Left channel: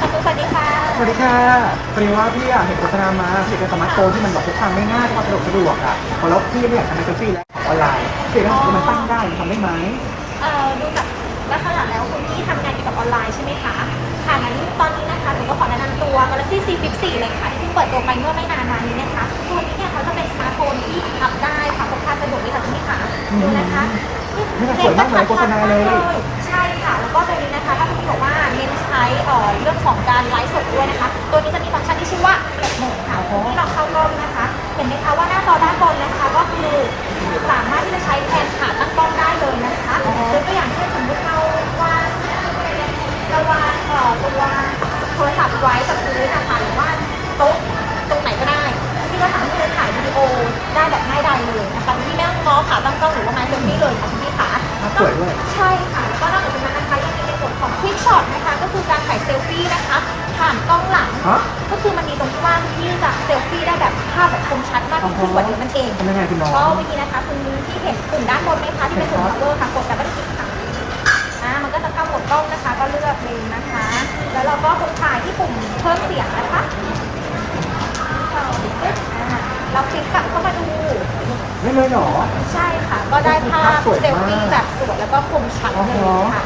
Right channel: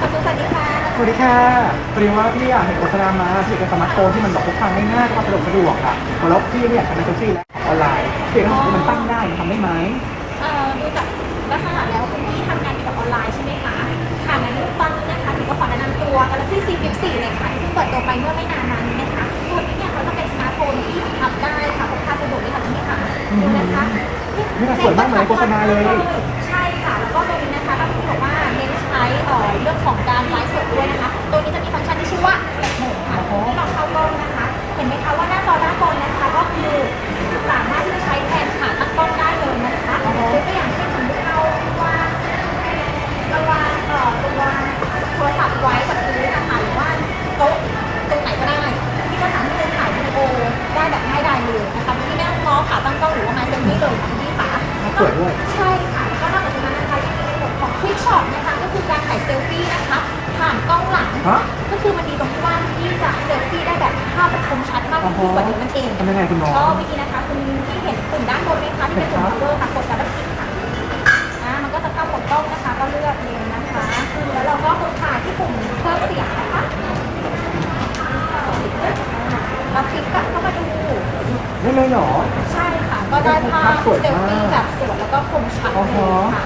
ขอบคุณสวัสดีค่ะ สวัสดีค่ะพอดีว่าพี่อะเห็นโฆษณามาพี่อยากได้สมาร์ทโฟนที่มันแบบพกพาง่ายๆความสะดวกสะดวกอะพอแล้วพี่เนี่ยทำเป็นเซลฟี่แล้วของออนไลน์พี่อยากได้ของที่มันตั้งได้มันทำได้ไหมเอ่อดูจากลักษณะแล้วคุณพี่ทำงานเกี่ยวกับออนไลน์ใช่ไหมคะ ค่ะงั้นตอนนี้นะคะหนูก็ขอแนะนำตัว Galaxy C Flip 4เลยค่ะ ที่เพิ่งเปิดตัวไปเมื่อไม่นานมานี้นะคะ ตัวนี้เนี่ยเขาจะเป็นสมาร์ทโฟนที่พับได้ค่ะพกพาสะดวกเลยค่ะคุณพี่ค่ะดูนะคะนี่มันสวยมากเหมือนในโฆษณาเลย ใช่ค่ะ แล้วก็ตัวนี้นะคะถ้าพี่บอกว่าเน้นใช้เอ่อเรื่องของการไลฟ์สดด้วยนะคะ ตัวนี้จะมีฟังก์ชันที่ชื่อว่า Flex Mode ค่ะที่เราเข้ากล้องนะคะ เห็นไหมคะว่าหน้าจอด้านบนนะคะก็คือสามารถที่จะใช้แทนขาตั้งกล้องได้เลยนะคะยกตัวอย่างเช่นสมมติเราวางเราวางเอ่อตัวโทรศัพท์ไว้กับพื้นนะคะหรือว่าโต๊ะตรงไหนก็ได้พี่ก็สามารถที่จะถ่ายวิดีโอได้แบบง่ายดายเลยนะคะพี่ไม่ต้องง้อขาตั้งกล้องหรือว่าไม้เซลฟี่เลยค่ะพี่ค่ะภาพสวยด้วย ใช่ คลิกช็อตนะคะก็คือการถ่ายเซลฟี่นะคะ ผ่านกล้องหลัง ฮะ ก็คือมันมีตรงที่ว่างที่จะเซลฟี่ได้แบบภาพแบบคมชัดมากขึ้นกว่าเดิมนั่นเอง ทำยังไงคุณน้อง ชอบวิธีนะคะคุณที่เห็นปุ่มด้านบนไหมคะที่เป็นปุ่ม power ค่ะกดดับเบิลคลิกค่ะอ่ามันก็จะเข้าโหมดกล้องนะคะ ก็เลือกเลนนะคะ แล้วเราก็กดถ่ายที่ปุ่มเพิ่มเสียงนะคะอ่าเราคลิกกลับเข้ามาดูไม่เลยเหรอ ใช่ค่ะ ก็ได้ภาพภาพสวยเซลมากฟี่แบบสวยแล้วก็คมชัดอ๋อเลฮะยค่ะค่ะ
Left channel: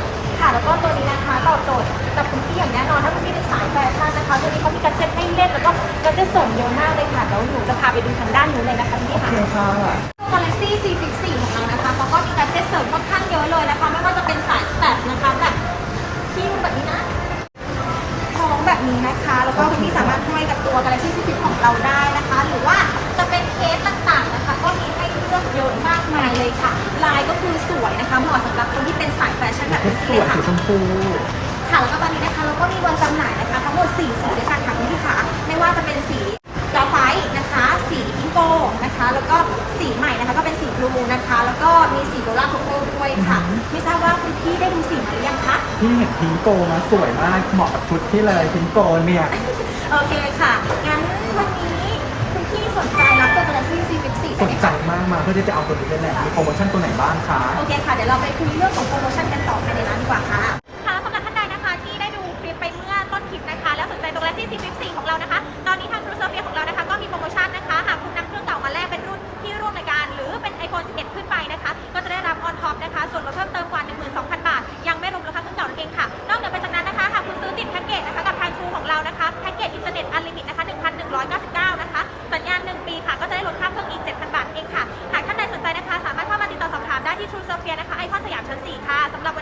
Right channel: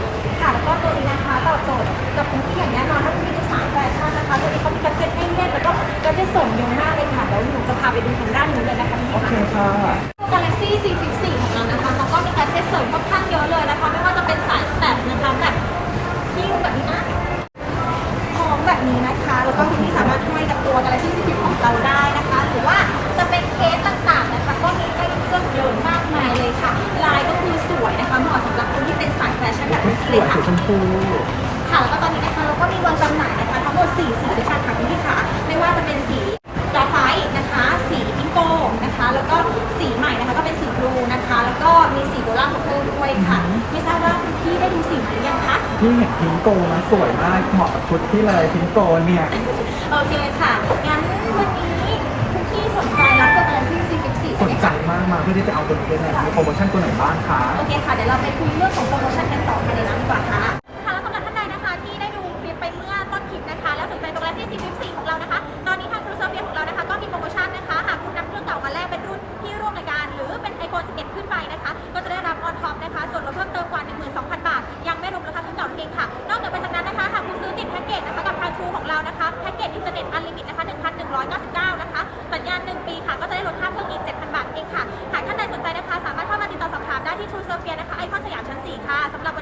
แล้วก็ตัวนี้นะคะตอบโจทย์กับคุณพี่อย่างแน่นอนถ้าคุณพี่เป็นสายแฟชั่นนะคะตัวนี้เขามีการเซ็ตให้เล่นแล้วก็ก็จะเสริมเยอะมากเลยค่ะแล้วหนูจะพาไปดูทางด้านนู้นเลยนะคะพี่โอเคค่ะ Galaxy C Flip 4ของเรานะคะเขาก็มีการเซ็ตเสริมค่อนข้างเยอะเลยนะคะไม่ว่าจะเป็นสายสแตทนะคะแบบคิ้วแบบนี้นะคล้องแบบนี้นะคะ แล้วก็คุณพี่สามารถห้อยกับตัว Galaxy C Flip ของเราได้นะคะ หรือว่าจะเป็นเคสต่างๆนะคะ ก็มีให้เลือกเยอะมากมายเลยค่ะ ลายก็คือสวยนะคะ เหมาะสำหรับคนที่เป็นส แฟชั่นแบบเพชนี้รสเลวยยค่ะสีชมพูค่ะแล้วก็ตอนนี้นะคะเราก็มีวางจำหน่ายนะคะ ทั้งหมด 4 สีด้วยกันค่ะคุณพี่ขาไม่ว่าจะเป็นสีกราไฟต์นะคะ สีพิงโกนะคะ แล้วก็สีใหม่นะคะก็เป็นสีบลูนะคะ แล้วก็มีสีโรล่าโคโก้ด้วยค่ะ ไม่ทราบว่าคุณพี่ได้ดูสีมาหรือยังคะพี่เห็นพิงโกมาสวยมากเหมาะกับชุดที่เลยพิงโกเนี่ยโอเคค่ะงั้นวันนี้ ใจมากมาเพื่อที่จะเอาตัวนี้ไป็แล่มีโปรโมชั่นตัวไหนบ้างคะโอเคค่ะ เดี๋ยวเราไปคุยเรื่องของโปรโมชั่นกันต่อภายในร้นดีกว่าค่ะ ค่ะสำหรับท่านใดนะคะที่ได้ดูคลิปไปเมื่อต้นคลิปนะคะ แล้วสนใจตัวแรกที่44ของเรานะคะ ตอนนี้ทางทรูเซอร์เฟียของเรานะคะ ก็มีโปรโมชั่นนะคะหากคุณนำเครื่องเก่ามาแลกเป็นรุ่นที่ร่วมรายการ หรือเป็นไอโฟน11 ขึ้นไปนะคะ ก็จะได้รับออนท็อปนะคะ ส่วนลดเพิ่มเติมกว่า 12,000 บาท ยังไม่รวมราคาเครื่องเก่านั่นเองค่ะ นอกจากไปจากนั้นนะคะหากคุณซื้อติดแพ็กเกจนะคะกับททูของเรานะคะแพ็กเกจอินเทอร์เน็ตอันลิมิต ค่ะสำหรับ